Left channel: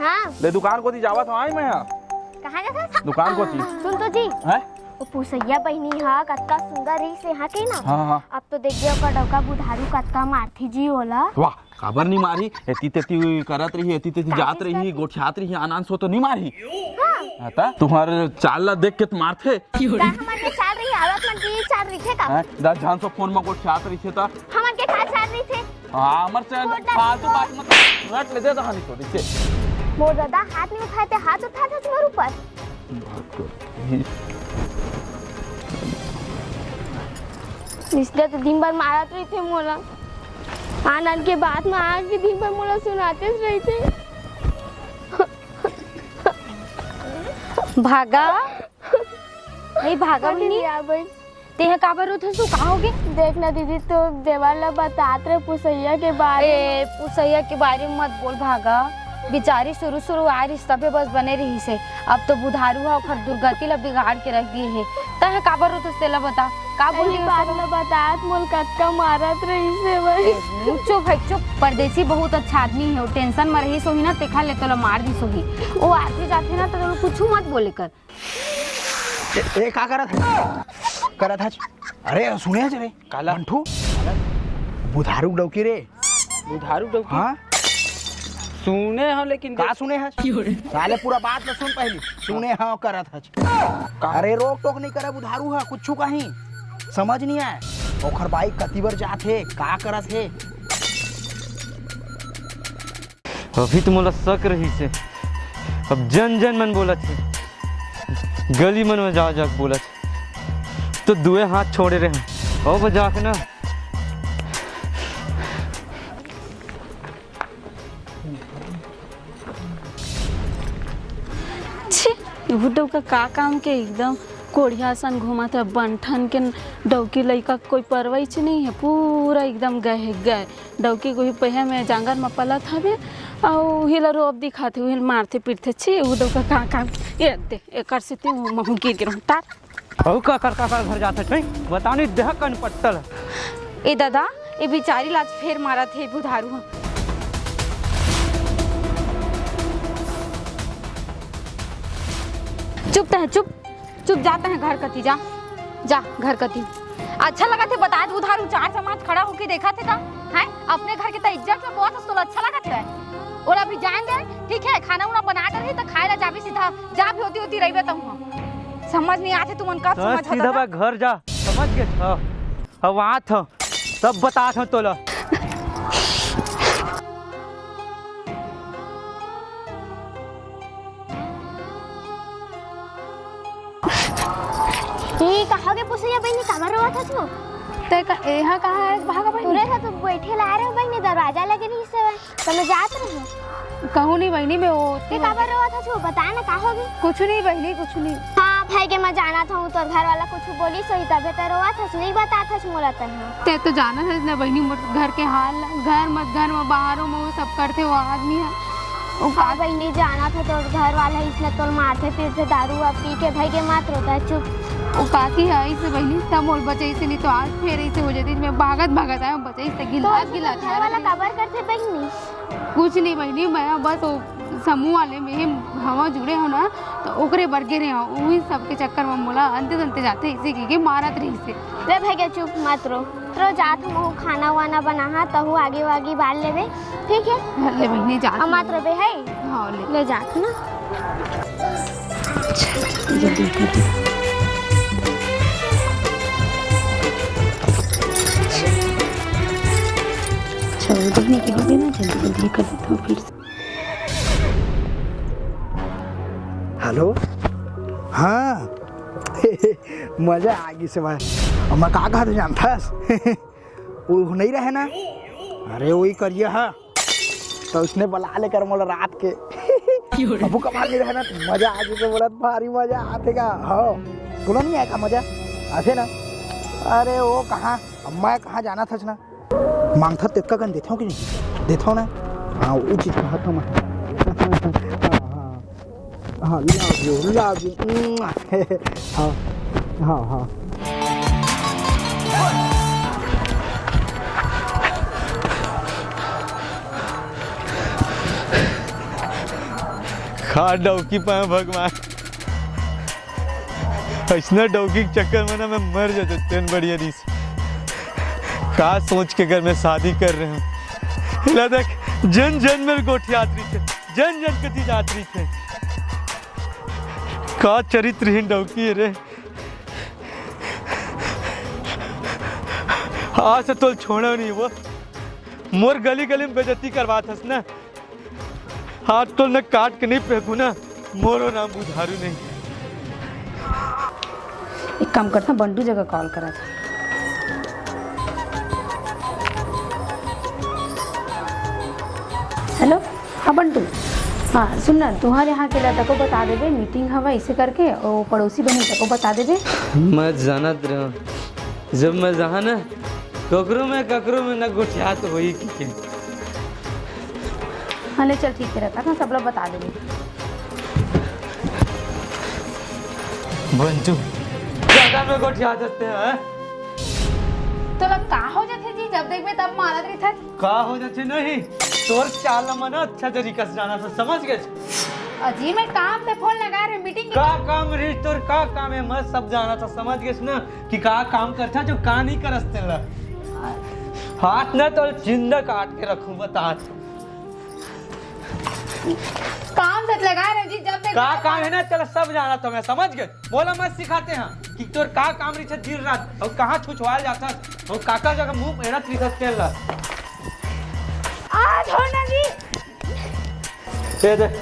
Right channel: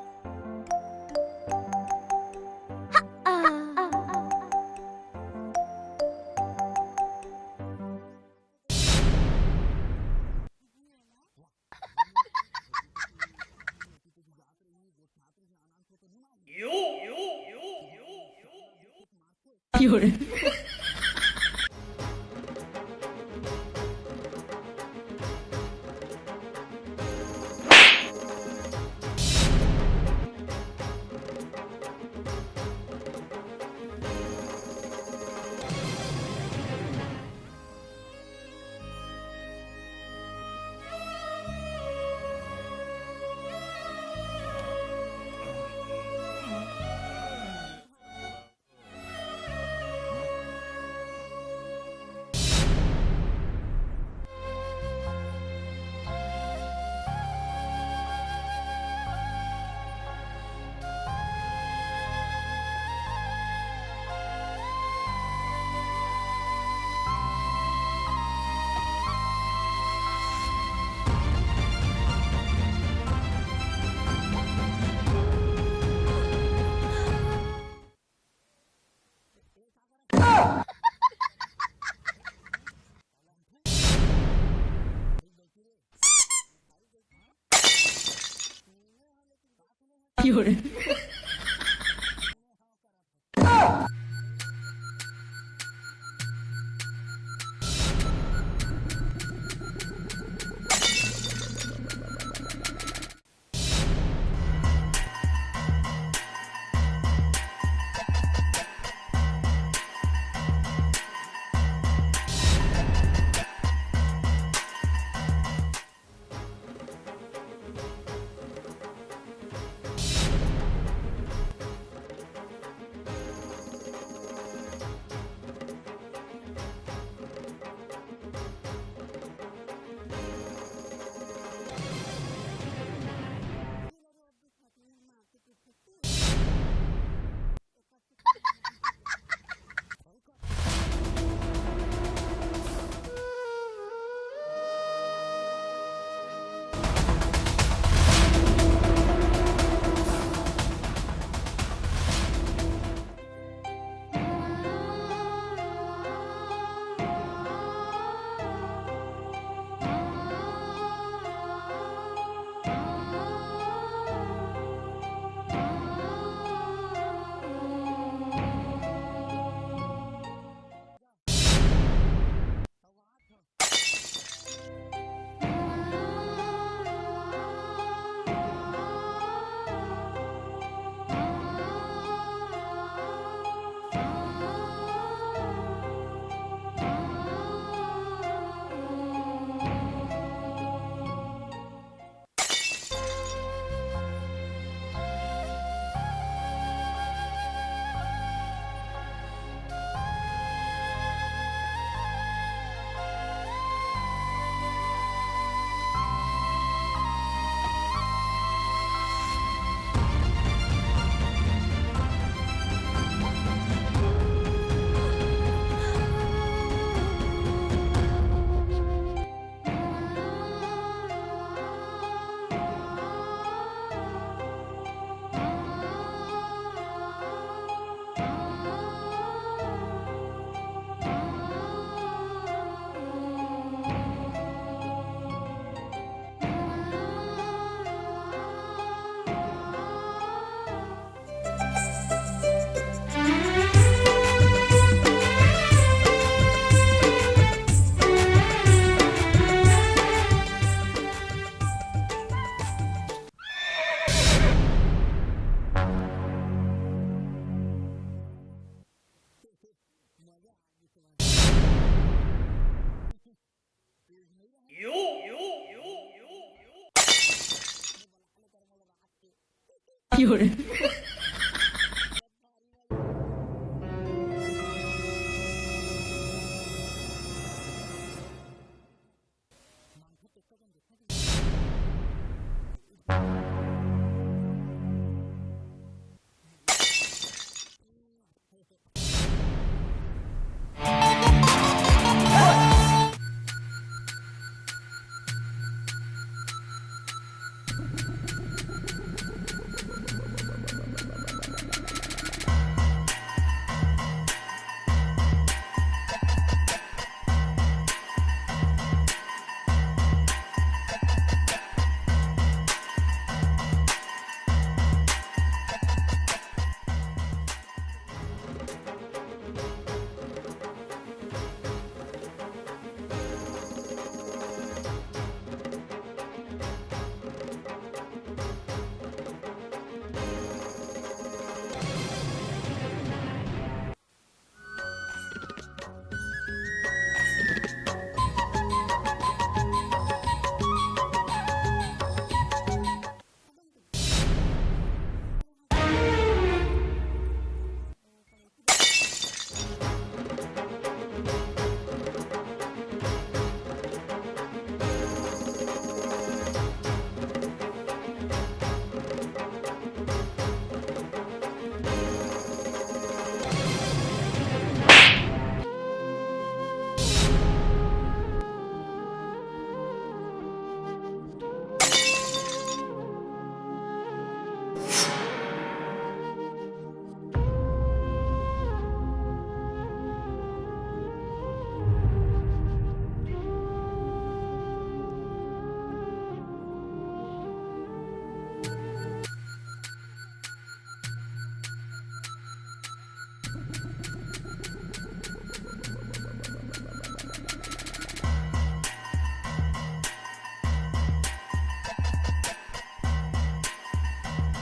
हाँ ले दुकान को दी जावत हूँ आई मैं कहाँ जाता दुकान को दी सुन तो जी हैं वो पुसैया बहनी हा कतका सुंदर रही से यहाँ के ना हाँ अब तो देखिए ओकर डौका बुधारू कतका मारती जी होला वाह खबर नहीं मारी एती तेती करत रही एती तेती जात रही गोठियात रही आनंद सो तो नहीं मारी आता तुम्हारे चाल ला देख के तो मारथे हमन के चाल रही आवत मन की चाल रही थे का हैं दस जान सो फोन में गोठियात रही थे ता हमन के का चाल रही थे हमर से फालतू बात मत रट ले दे दो हाथ को नीचे मोर दादा हाथ नहीं उठाते हाथ उठाते तुम्हारे ऊपर इसलिए तो दिन भर मारत रही थे मोला आनंद के बाद में आज के दिन भर मोला सुनाते रही थे भागा नहीं भागा नहीं तेह काबर होत हसु का होगे देखना दीदी तो देवाला बतात रहे पुसैया के बारे पुसैया के बारे में मत बोल भागा बेचारी शुरू आ रिश्ता पे बस बने रही से अब तो बुधारू है और दुर्गति ला बिगाड़ के रख गई है तह काबर होत तेला बता का बोली बात में बतात मोल कटका मारत रही से भाई चुप परदेसी बहुत अच्छा आदमी है टेंशन में रही सोही ना देखा ले तो मार दी सोही वो आदमी जाते ना तो कुछ मत बोले कर ए का करत है अरे सुने रे काला मंठू बुधारू डौकी रे बुधारू डौकी हां सुने हो लेकिन का सुने है साले पूरा बात न सुन पहले सुने हाँ करत है अरे रोक टोक नहीं करे बुधारू है कुछ कहीं समझ नहीं आए ओखर बाइक कतीबर जाथे का करत है अभी तो मोला शक रही से अब जन मन बोलत है गली मन में जा बोलत तो दुए हाथ छोड़े रहे ओ बजा के ना डौका का काम के एकदम कोढ़िया सन घुमा था बंठन के डौकी लइका कोई परवैच नहीं है पूरा एकदम गए डौकी को ही पहिया में जांगर में पलत हवे और हिला रोब दिखाते हुए मारते पीटते छी वो डौका का काम ये दे एकर से ते महू गिर गिर तार औ का घर जात है बता नहीं देह कन पट्टल ए दादा ए बेचारी लाज फेर मारा थे बुधारू चुप जाते हैं घर कती जा घर कती अच्छा लगा थे बता उधार चार समाज खड़ा होके देखा थे ना है अपने घर की तो इज्जत में बहुत तो अच्छा लगा था और अभी जाएंगे ठीक है खाना उना बना कर तो खाए ला जाबी सीधा जा भी होती रही तो समझ नहीं आते तुम उनका समझ सीधा बा घर जा समझ के अब वहां था सब बता था तोला कहागे पुसैया बहनी कहाँ रहा था तू ते का यहाँ कहाँ है भागा भाई पूरे था तो बैठे ला रहे बहनी दरवाजा लगे नहीं से तो मैं जात रही कहूँ नहीं बहनी मैं वो ते कहाँ रहा था तू बता ना कहाँ होगी कुछ नहीं बहनी कुछ नहीं हाँ भाई के मैं जाना था तो घर वाला कुछ बोली सही तबे तो रोआ था नहीं बता था मोला ते तो जाना है ना बहनी घर के हाल घर में बाहरों में वो सब करते वो आदमी है हाँ बहनी जाना था तो घर वाला इसने तो माथे पीछे दारू अब पी के भाई के मात्र था चुप वो काकी आई से वही सब और बचे से नहीं तो आज फिर ऐसे हो जाती मैं भागत आया बचे से गिला घर वाला खबर करते बहनी कुछ नहीं बहनी मैं बस समूह वाले में हवा जुड़े हो ना तो ओकरे बरगे रहे हो वही सबके चक्कर में मोला अंते जाते इसे के मारत रही से रे भाई के चुप मत रो जा तुम खाना वाना बना तो आगे बाल ले दे ठीक है ले बहनी जा मत रे है हां ले जा ना जल्दी की होगी ना जल्दी कर देता हूँ फिर हेलो हाँ मजा आ गई से भाई मैं का कहा जानता वो नहीं रहे ना अरे वही करिए है तो उसने बुला लेकर मोला रात के अब कमा के रहे ना मजा आ गई तो बोला भारी मजा आते का हाँ बोला नहीं आएगा मजा आते ना अरे वो कहाँ मैं कहाँ जाना था ना मांगता तेका गन देता हूँ कि नहीं देता हूँ ना हाँ वो चीज़ कहता हूँ हाँ love you हाँ खा डौकी पाए भगवान, ऐसा डौकी के चक्कर में ना मैं मर जाता तेन बढ़िया दी से। का सोच के घर में शादी कर रहे हैं, देख जन जन में गोठियात्री थे, जन जन कति यात्री थे। का चरित्रहीन डौकी है रे। आज से तो छोड़ा नहीं वो, मोर गली गली में बेइज्जती करवा थस ना। हाथ तो न काट के नहीं फेंकू ना, मोरो नाम बुधारू नहीं। एक काम करता, बंटू जगह कॉल करा था। हेलो, हाँ बंटू, हाँ सुन ना, तुम्हारे यहाँ के लड़का को बता देवे मीटिंग हवा इसे करके, और पड़ोसी बहन को बता देवे। मैं जानत रहा, जब मैं जहाँ ना ककरो में न गुठियात हुई कि हाँ ले चल ठीक है, रहता ना सब लोग बता देवे। बंटू ज्यादा में गुठियात हैं। तो लग का हो जाते जी, जब देखबे तब मारत रही था। का हो जाते नहीं, तोर चाल मना अच्छा तरीका से जाना था, समझ गए? अजी मैं काम पे फोन लगा रही, मीटिंग का काम रे तोर, का काम है, मैं सब जाना था, समझ गए ना कि का काम करता जो का नहीं करते ला। हाथ ना तो जिंदा काट के रखूं, बता काम से लगा रहे जी, जब देख का काम है ना, चल सब जाना था मैं, समझ गए? बोला मत सिखाते हैं कि तोर का काम रही है दिन रात, और कहाँ छुछवाल जाता और काका जगह मुंह मेहनत लिखत के ला। आज होना जी। ये देख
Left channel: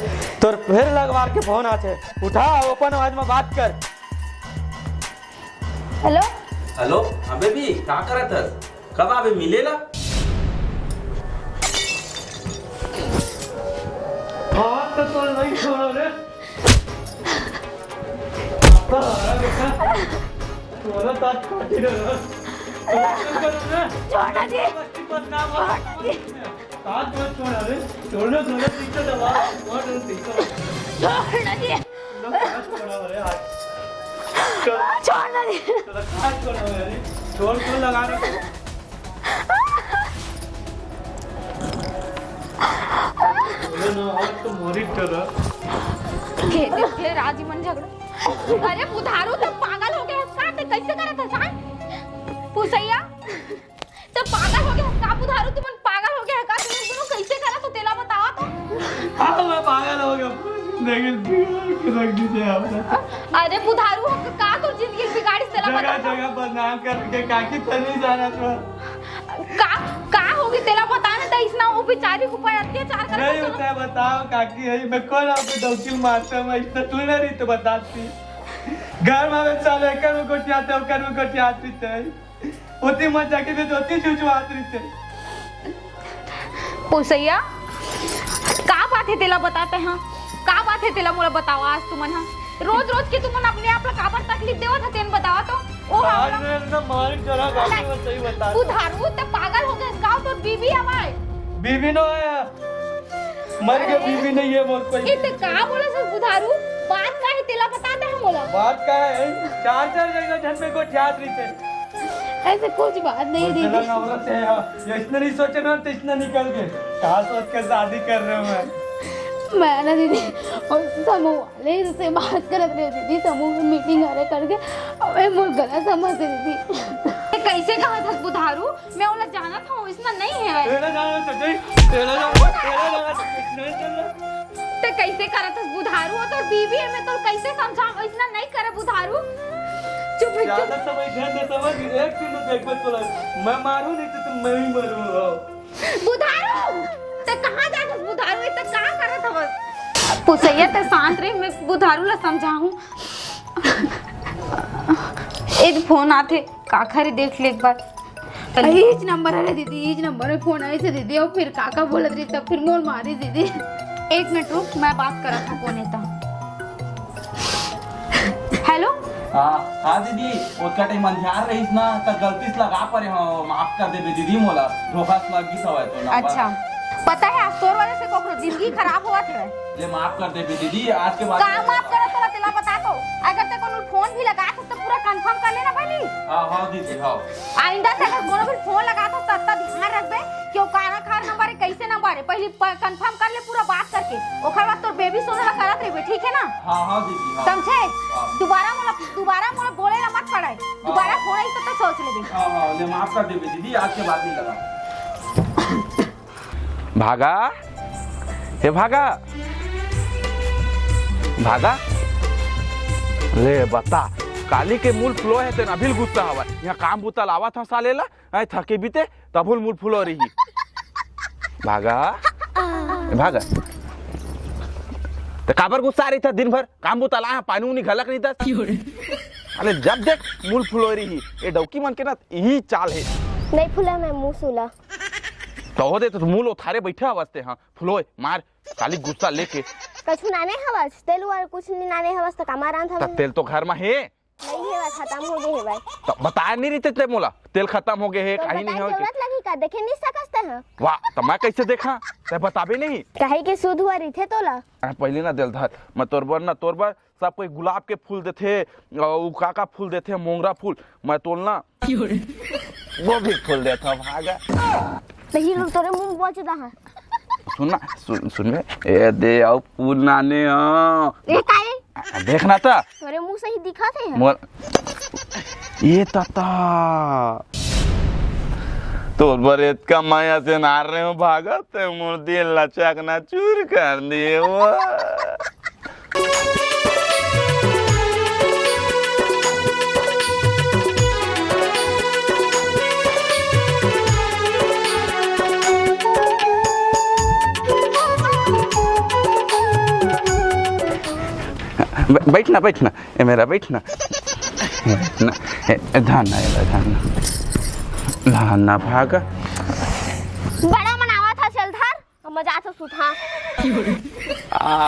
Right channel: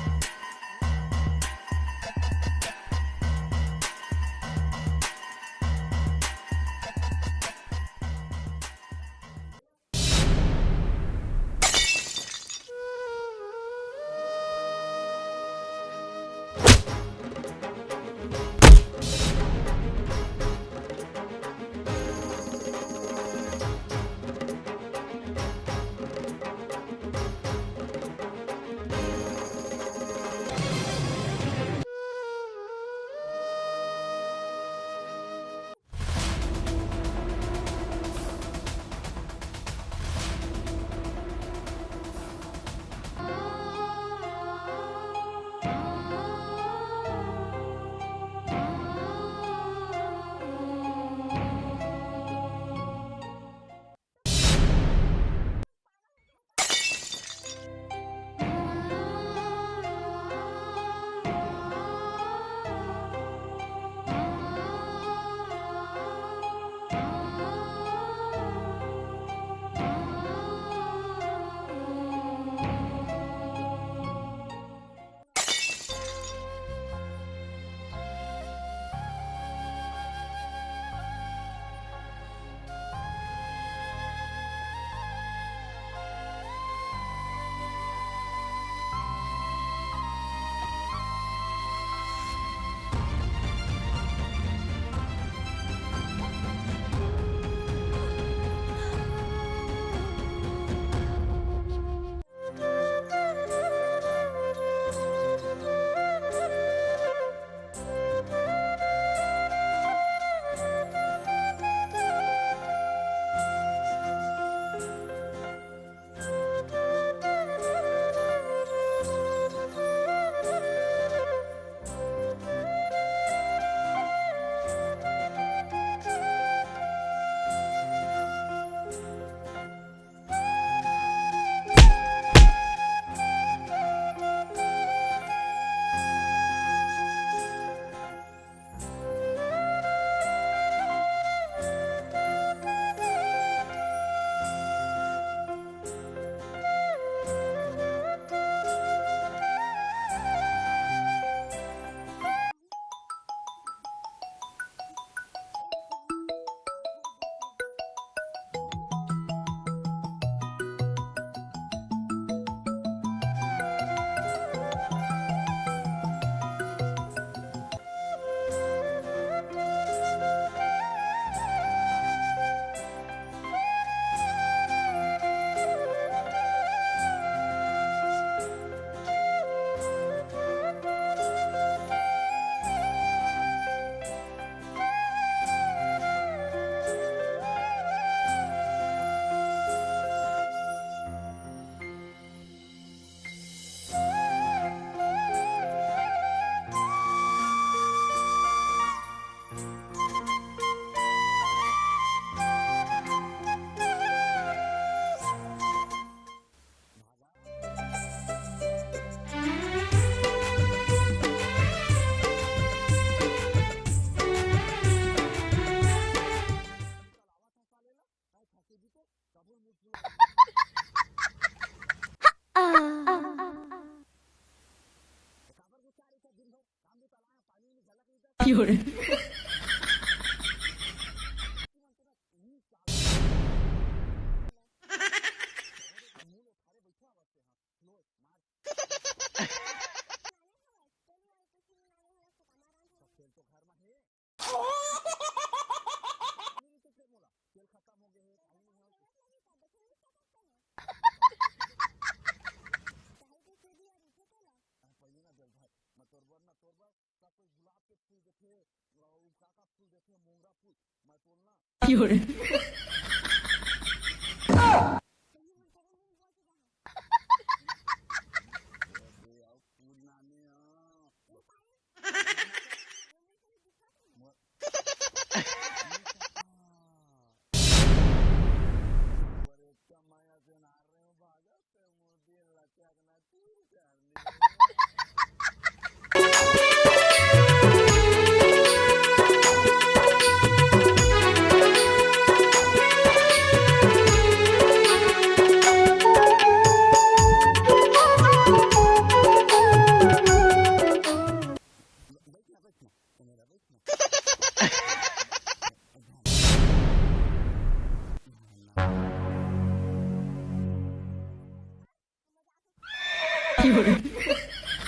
तोर फिर लगवा के फोन आते, उठा ओपन आवाज में बात कर। हेलो हेलो, हाँ बेबी, क्या करत है? कब आवे मिलेला? हाँ तो नहीं छोड़ो रे। बोला बात करती रहो। छोड़ना जी। हाथ मत छोड़ा रे, छोड़ना ठीक है दबा, और छोड़ना जी। छोड़ना जी। छोड़ क्यों लगा रहे? के राजी मन झगड़ा। अरे बुधारू तो पागल हो गया, काटे कैसे करत है जान? पुसैया तो पागल हो गया, का बुधारू तुम पागल हो गया है का? तुम दोनों कैसे करत हो तेला बताओ तो। हाँ मैं पागल हो गया, लेकिन रख दीजिए आप। अरे बुधारू हम का तो जिंदगी बिगाड़ी तेला जगह बता। जगह बदनाम करके काकी तनी जाना तो का होगी तेला बताने तो इसना वो बेचारी को पर अत्याचार कर नहीं होता है, बताओ काकी है मैं कौन आपको डौकी मारता हूँ, इससे तू ना रही तो बताती। घर में चले कर वो गोटियाते हो, कर वो गोटियाती थे, उतनी मजा के तो दोती छुछवाती थे। पुसैया का बात है तेला बताते हैं, का बात है तेला मोला बताओ आज तुमन हां रोज रोज के तुमन अपने आप ला काबर तकलीफ देवत है तेन बताओ तो। ओ आज मैं एकदम मार चला गाँव में, सही बता। बुधारू तो पागल हो गए, गांव तो बीवी हमारे बीवी नो है, मर गए बीवी नहीं है मोर कोई। इते का बोले सर बुधारू, बात का है तेला बताते हैं मोला। बात का है, चार जगह घर पे गोटियात रही थे। ऐसे कुछ बात नहीं दीदी। ये इतना नहीं सोचे ना तो इतना निकल गए, क्या सोच कर शादी कर रहे हो? मैं ना दीदी और समूह वाले से बात करत रहे दीदी, समूह में मीटिंग अरे करके अबे मोर गलत समझ दीदी। ये कैसे कहा था बुधारू, मैं उन्हें जाना था इसना नहीं है। तेरा जाना तो नहीं, तेरा जाना तो कैसे करा था बुधारू, तो बीवी है मैं तो कैसे समझाऊं, इसना नहीं करे बुधारू। चुप रह ज्यादा समझ ध्यान से समझ, एक किलो देख मत बोला, मैं मारूं नहीं तो तुम मैं ही मरूंगा। बुधारू तो कहां जाना बुधारू, इतना का करत हवस? पुसैया ते शांत रही, मैं बुधारू ला समझाऊं। एक फोन आते का खरी देख ले एक बार। इज नंबर है दीदी, इज नंबर में फोन आए थे दीदी, और फिर काका बोलत रही तब फिर मोर मारी दीदी। एक मिनट रुक, मैं बात करत हूं कौन है तो। हेलो हाँ दीदी, उसका टाइम अंधियार रही ना तो गलती से लगा पड़े, हाँ माफ कर दे दीदी मोला, धोखा से लगी सब है तो। अच्छा पता है आज तोर वजह से कोकरो जिंदगी खराब हुआ है। ये माफ कर दे दीदी, आज के बाद का माफ करे तोरा तेला बता दो, अगर ते कोनो फोन भी लगा तो पूरा कंफर्म कर लेना पहले। हाँ दीदी, हाँ आइंदा से अगर कोनो भी फोन लगा तो तब ध्यान रखबे कि वो काना खार नंबर है कैसे नंबर है, पहले कंफर्म कर ले पूरा बात करके, ओकर बाद तोर बेबी सोने ला करत रही, ठीक है ना? हाँ दीदी समझे? दोबारा मोला बोले ला मत पड़े, दोबारा होई तो सोच ले। हाँ ले माफ कर दे दीदी, आज के बाद नहीं लगा। भागा हे भागा भागा ले बता काली के मूल फ्लो है तेरा बिल गुस्सा हवा यहाँ काम बुता लावा था सालेला ऐ थके बीते तबुल मूल फ्लो रही भागा भागा तो काबर गुस्सा आ रही था दिन भर काम बुता ला पानी उनी घलक नहीं था अरे जब देख मूल फ्लो रही ये डौकी मन के ना यही चाल है नहीं फुला मैं मुंह सुला तो हो दे तो मूल उठारे बैठे अवस्थे हाँ फ्लोए मार काली गुस्सा लेके कछु नाने हवस तेल और कुछ नहीं नाने हवस तो कमारान था तेल तो घर में है खत्म हो गए भाई तो बताया नहीं रहते थे मोला तेल खत्म हो गए है तो कहीं नहीं हो जरूरत लगी का देखे नहीं सकते हैं वाह तो मैं कैसे देखा ते बताबे नहीं कहे के सूद हुआ रही थे तोला पहले ना दिल धर मैं तोर बर सब कोई गुलाब के फूल देते का फूल देते मोंगरा फूल मैं तोलना वो भी फूल देता भागा नहीं लोग तोरे मुंह बोचदा है सुनना सुन ए दे आओ फूल नाने ये काहे देखना था तोरे मुंह से ही दिखा थे मोर ये ताता तोर बरेत का माया से नार रहे हो भागा ते मोर दिल लचक ना चूर कर दिए वो बैठना बैठना ए मेरा बैठना धाना धाना भागा बड़ा मनावा था चलधार मजा तो सुथा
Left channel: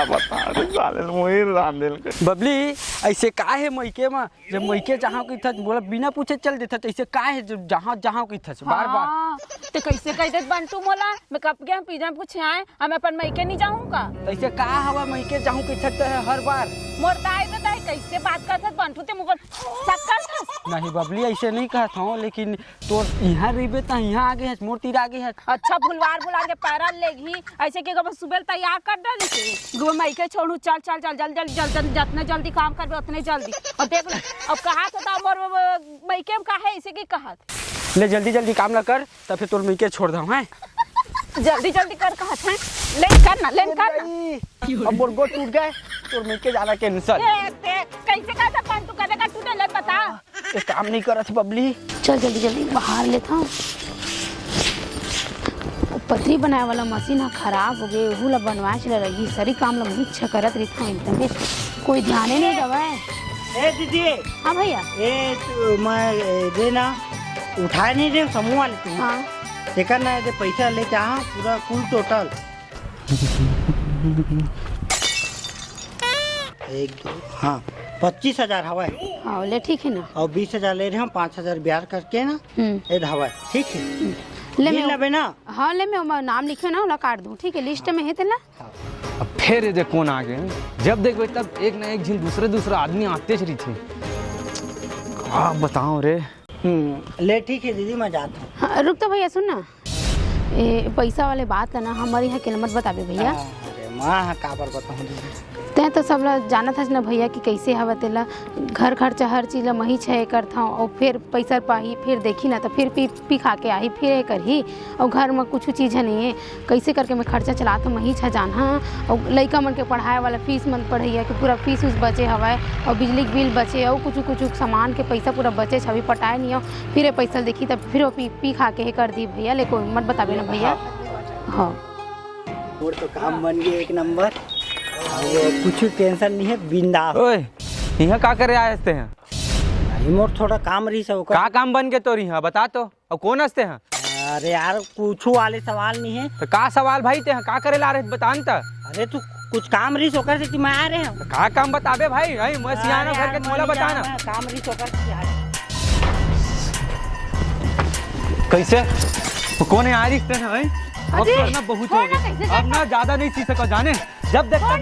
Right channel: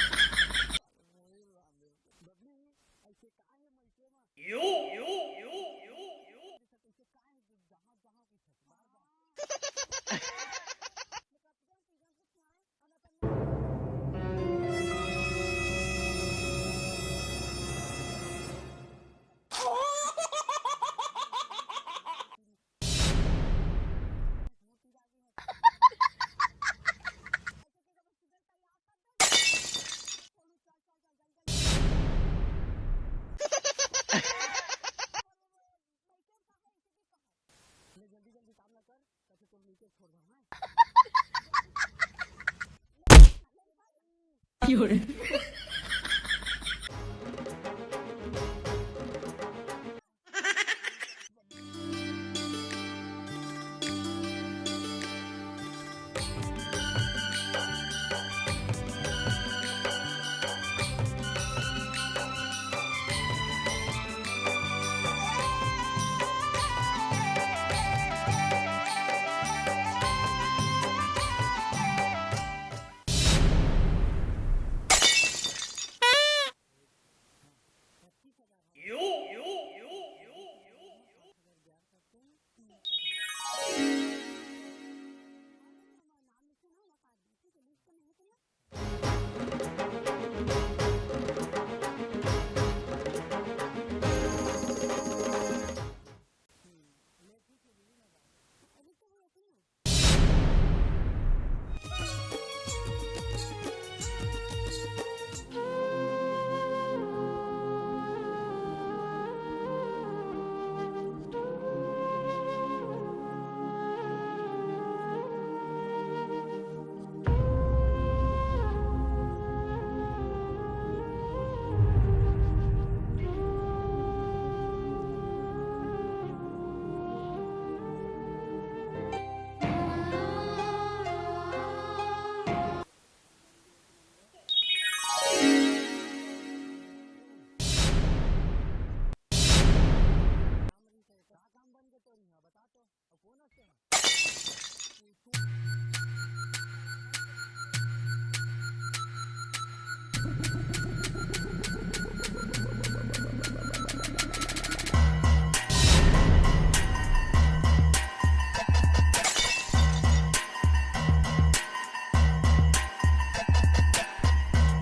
बता रे साले मोही रांदेल के बबली ऐसे का है मैके में जब मैके जहाँ की था बोला बिना पूछे चल देता तो ऐसे का है जहाँ की था बार बार तो कैसे कह दे बंटू मोला मैं कब गया पिज्जा पूछे आए हम अपन मैके नहीं जाऊंगा ऐसे का हवा मैके जहाँ की था हर बार मोर दाई तो दाई कैसे बात करत बंटू ते मुगल नहीं बबली ऐसे नहीं कहता हूँ लेकिन तो यहाँ रही तो यहाँ आगे है मोर तीर आगे है अच्छा भुलवार बुला के पैरा लेगी ऐसे के बस सुबह तैयार कर दे दो मैके छोड़ू चल चल चल जल्दी जल्दी जितने जल्दी काम करबे उतने जल्दी और देख अब कहा तो मोर मैके में का है इसे की कहत ले जल्दी जल्दी काम ना कर तब फिर तोर मैके छोड़ दो हैं जल्दी जल्दी कर कहत है लेन कर ना अब बोल टूट गए तोर मैके जाना कैंसिल कैसे कहता बंटू करेगा तू नहीं पता ये काम नहीं करत बबली चल जल्दी जल्दी बाहर लेता हूँ पथरी बनाए वाला मशीन खराब हो गई वो ला बनवा चला रही सारी काम ला इच्छा करत रही था एकदम कोई ध्यान ही नहीं दवा ए दीदी हाँ भैया ए मैं दे ना उठाए नहीं दे समूह वाले हाँ देखा ना ये पैसा ले जा पूरा फुल टोटल 1 2 हाँ 25,000 हवा हाँ ले ठीक है ना और 20,000 ले रहे हम 5,000 ब्याज करके ना ये हवा ठीक है ले मिल लबे ना हाँ ले मैं नाम लिखे ना वाला काट दूँ ठीक है लिस्ट में है तेला अब फिर ये देखो कौन आ गए जब देखो तब एक ना एक झिन दूसरा आदमी आते चली थी हाँ बताओ रे ले ठीक है दीदी मैं जाता हूँ हाँ, रुक तो भैया सुन ना ये पैसा वाले बात है ना हमारी यहाँ किल्मत बताबे भैया माँ का पर बताऊँ तैं तो सब ला जाना था ना भैया कि कैसे हवा तेला घर खर्चा हर चीज़ मही छे करता हूँ और फिर पैसा पाही फिर देखी ना तो फिर पी खा के आई फिर करही और घर में कुछ चीज़ नहीं है कैसे करके मैं खर्चा चलाता मही छा जाना और लड़का मन के पढ़ाए वाला फीस मन पढ़ैया कि पूरा फीस उस बचे हवा और बिजली के बिल बचे और कुछ सामान के पैसा पूरा बचे छवि पटाए नहीं हो फिर पैसा देखी तब फिर पी खा के कर दी भैया लेकिन मत बताबे ना भैया हाँ और तो काम बन गया 1 नंबर कुछ टेंशन नहीं है बिंदास ओए यहाँ का करे आए हंसते हैं मोर थोड़ा काम रही सब का काम बन के तोरी यहाँ बता तो और कौन हंसते हैं अरे यार कुछ वाले सवाल नहीं है तो का सवाल भाई ते का करे ला रहे बतान त अरे तू कुछ काम रही सोकर से कि मैं आ रहे हैं का काम बताबे भाई भाई मैं सियाना घर के मोला बताना काम रही सोकर से आ रहे कैसे तो कौन है आ रही है भाई अब करना बहुत हो गया अब ना ज्यादा नहीं सीख सका जाने जब देखता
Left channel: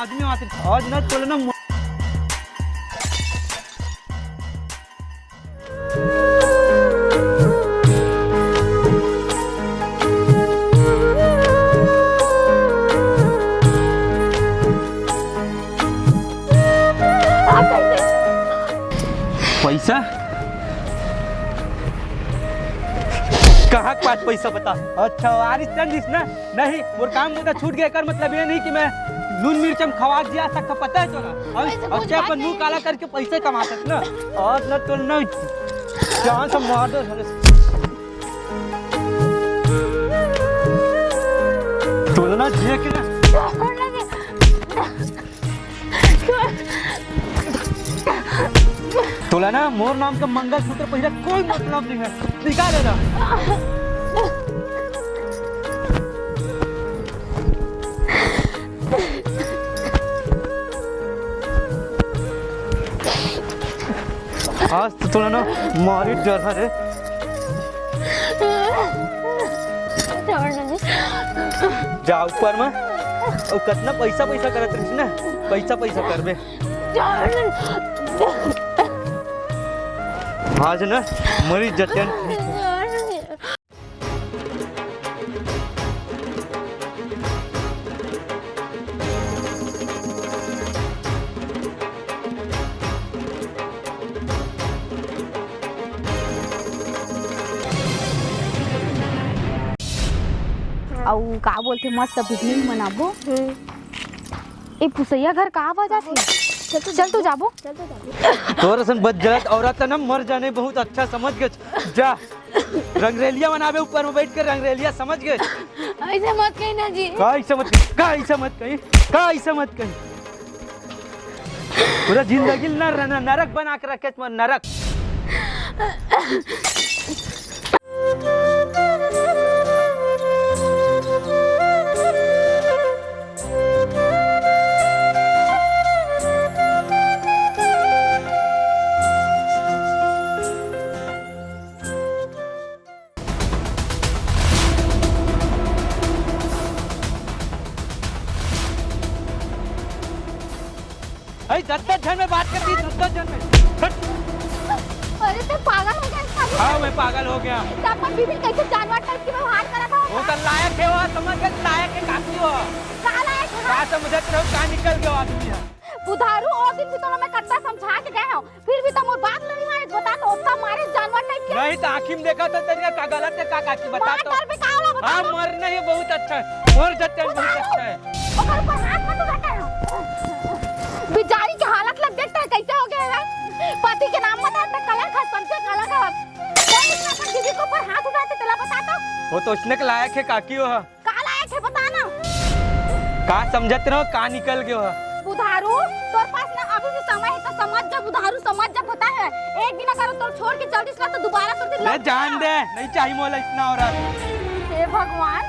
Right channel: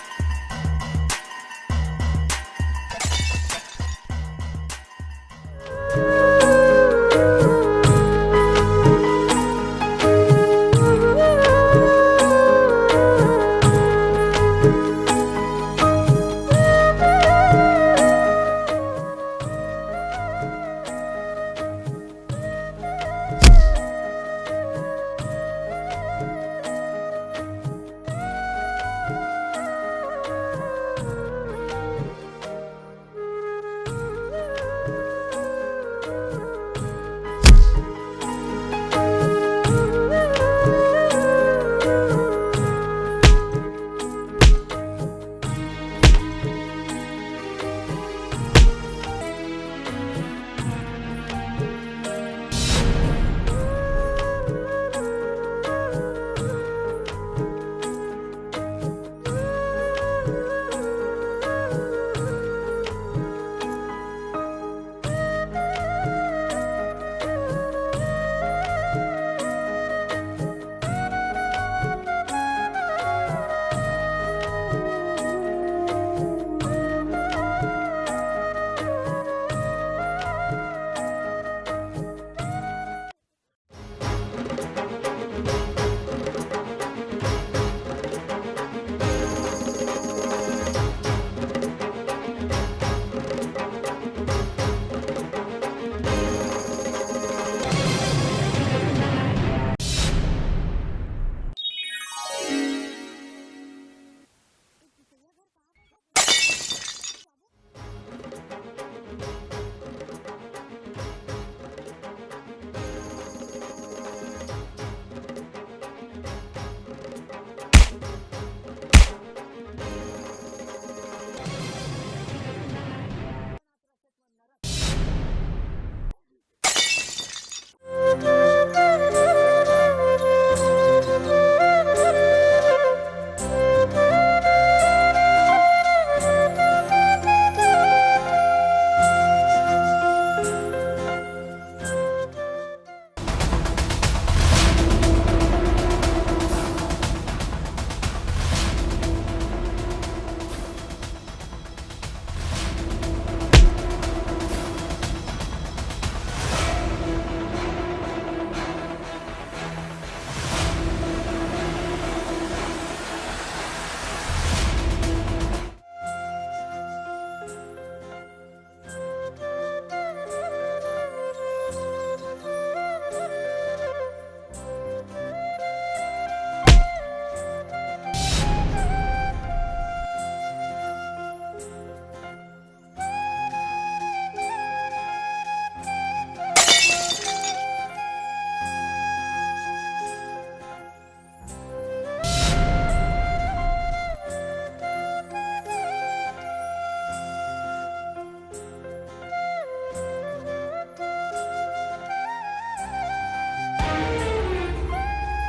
आदमी आते और ना चलना नहीं वो काम धंधा छूट गया कर मतलब ये नहीं कि मैं नून मिर्च में खवा दिया सबका पता है तोरा और क्या पर मुंह काला करके पैसे कमा सकते ना और न तो नहीं जान से मार दे तोलना चाहिए कि ना तोलना मोर नाम का मंगलसूत्र पहले कोई मतलब नहीं है निकालेगा आज तो थोड़ा ना मारी डर है जा ऊपर में और कितना पैसा करत रही ना पैसा करबे आज ना मरी जतन और का बोलते मस्त पिकनिक मनाबो ए पुसैया घर का आवाज आथे चल तो जाबो तोरा सन बज्जत औरत ना मर जाने बहुत अच्छा समझ के जा रंगरेलिया बनावे ऊपर में बैठ कर रंगरेलिया समझ गए ऐसे मत कही ना जी का ऐसा मत कहीं पूरा जिंदगी नरक बना के रखे तुम नरक में बात करती अरे तो पागल हो गया हाँ मैं पागल हो गया फिर कैसे जानवर टाइप की हाथ करा था वो कर लायक है वो समझ के लायक है काकू वो कहां लायक का समझ रहे हो का निकल गया आदमी बुधारू और दिन तो मैं करता समझा के गए हो फिर भी तुम बात नहीं माने बता तो उसका मारे जानवर टाइप के नहीं तो आखिर देखा तो तेरे का गलत है का की बता तो कर पे का होला बता हां मरना ये बहुत अच्छा है और जट्टे बहुत अच्छा है और पर हाथ मत बैठा हो बेचारी की हालत लग देखता है कैसे हो गया है पति के नाम पर अपना कलर खा पंचे कलर का किसी को पर हाथ उठाते तेला बता तो वो तो उसने के लायक है काकी वो का लायक है बता ना का समझत रहो का निकल गयो बुधारू तोर पास ना अभी भी समय है तो समझ जा बुधारू समझ जा पता है एक दिन अगर तो छोड़ के चल दिस तो दोबारा तो दिन ले जान दे नहीं चाहिए मोला इतना हो रहा हे भगवान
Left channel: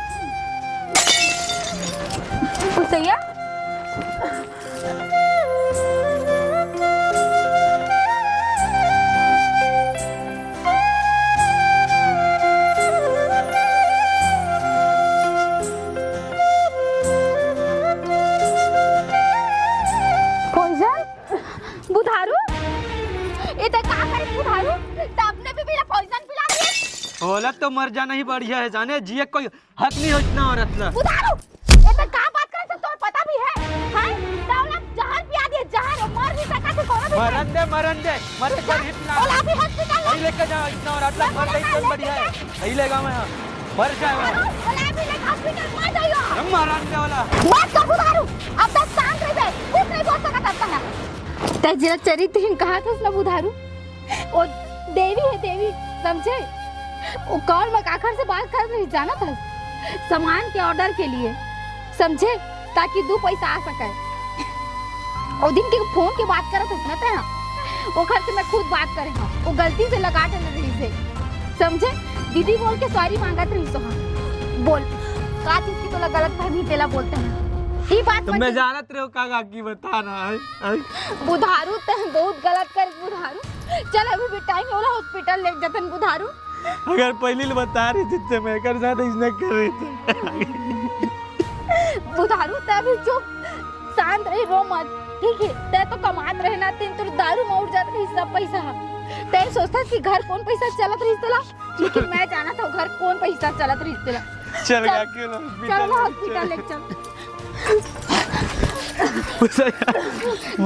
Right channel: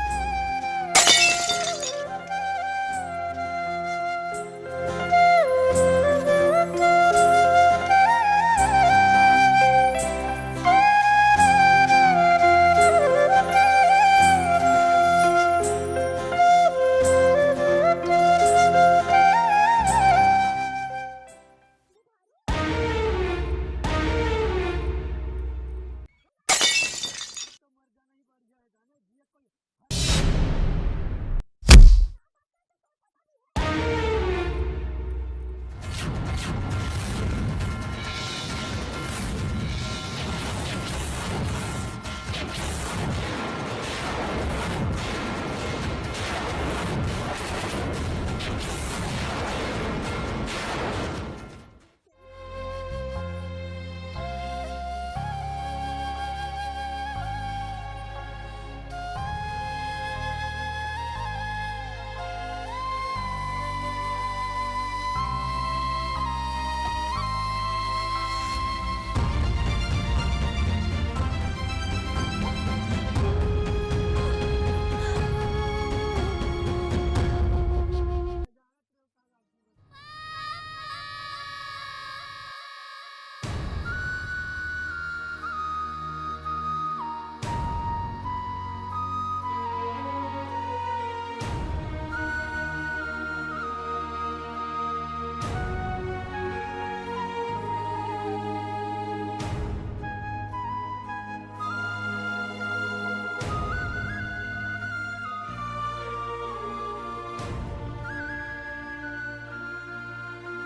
पुसैया औरत तो मर जाना ही बढ़िया है जाने जिए कोई हक नहीं हो इतना औरत ना बुधारू ये तो का बात करे तो पता भी है हां दौलत जहान पिया दे जहान मर भी सका तो कौन मरन दे पर इतना और अभी हॉस्पिटल ले लेके जाओ इतना औरत का मर गई तो बढ़िया है यही लेगा मैं मर जाएगा हॉस्पिटल में जाइयो मरन के वाला मत तो बुधारू अब तक शांत रह जाए कुछ नहीं बोल सकता तब ते जरा चरित्रहीन कहा था उसने बुधारू वो देवी है देवी समझे वो कॉल में काखर से बात कर रही जाना था सामान के ऑर्डर के लिए समझे ताकि 2 पैसा आ सके और दिन के फोन की बात करे तो कहते हैं वो घर से मैं खुद बात करे वो गलती से लगा के नहीं थे समझे दीदी बोल के सॉरी मांगा था तो बोल रात उसकी तो गलत फहमी देला बोलते हैं ये बात तुम मैं जानत रहो काका की बता ना बुधारू ते बहुत गलत कर बुधारू चल अभी भी टाइम होला हॉस्पिटल ले जतन बुधारू अगर पहले बता रही थी तो मैं कर साथ इसने कर रही थी बुधारू तभी चुप शांत रही रो मत ठीक है ते तो कमात रहना तीन तो दारू में उड़ जाती सब पैसा ते सोचता कि घर कौन पैसा चलत रही तला लेकिन मैं जाना था घर कौन पैसा चलत रही तला चल गा के चल हॉस्पिटल ले चल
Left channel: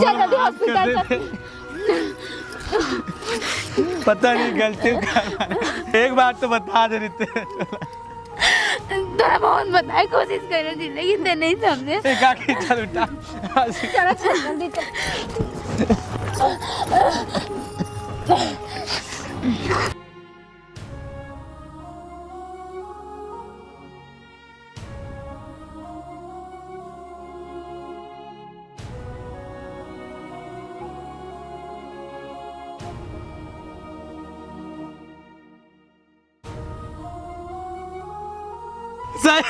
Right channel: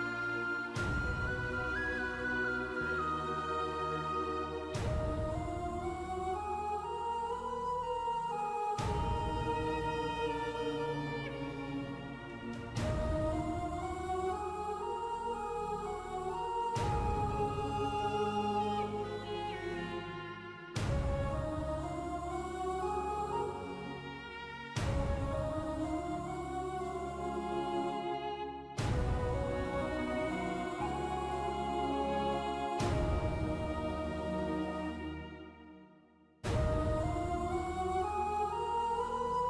चल अभी हॉस्पिटल पता नहीं गलती एक बार तो बता दे रही थे तोरा बहुत बताए कोशिश करो थी लेकिन ते नहीं समझे। एक आके चल उठा चलो चल जल्दी चल। सही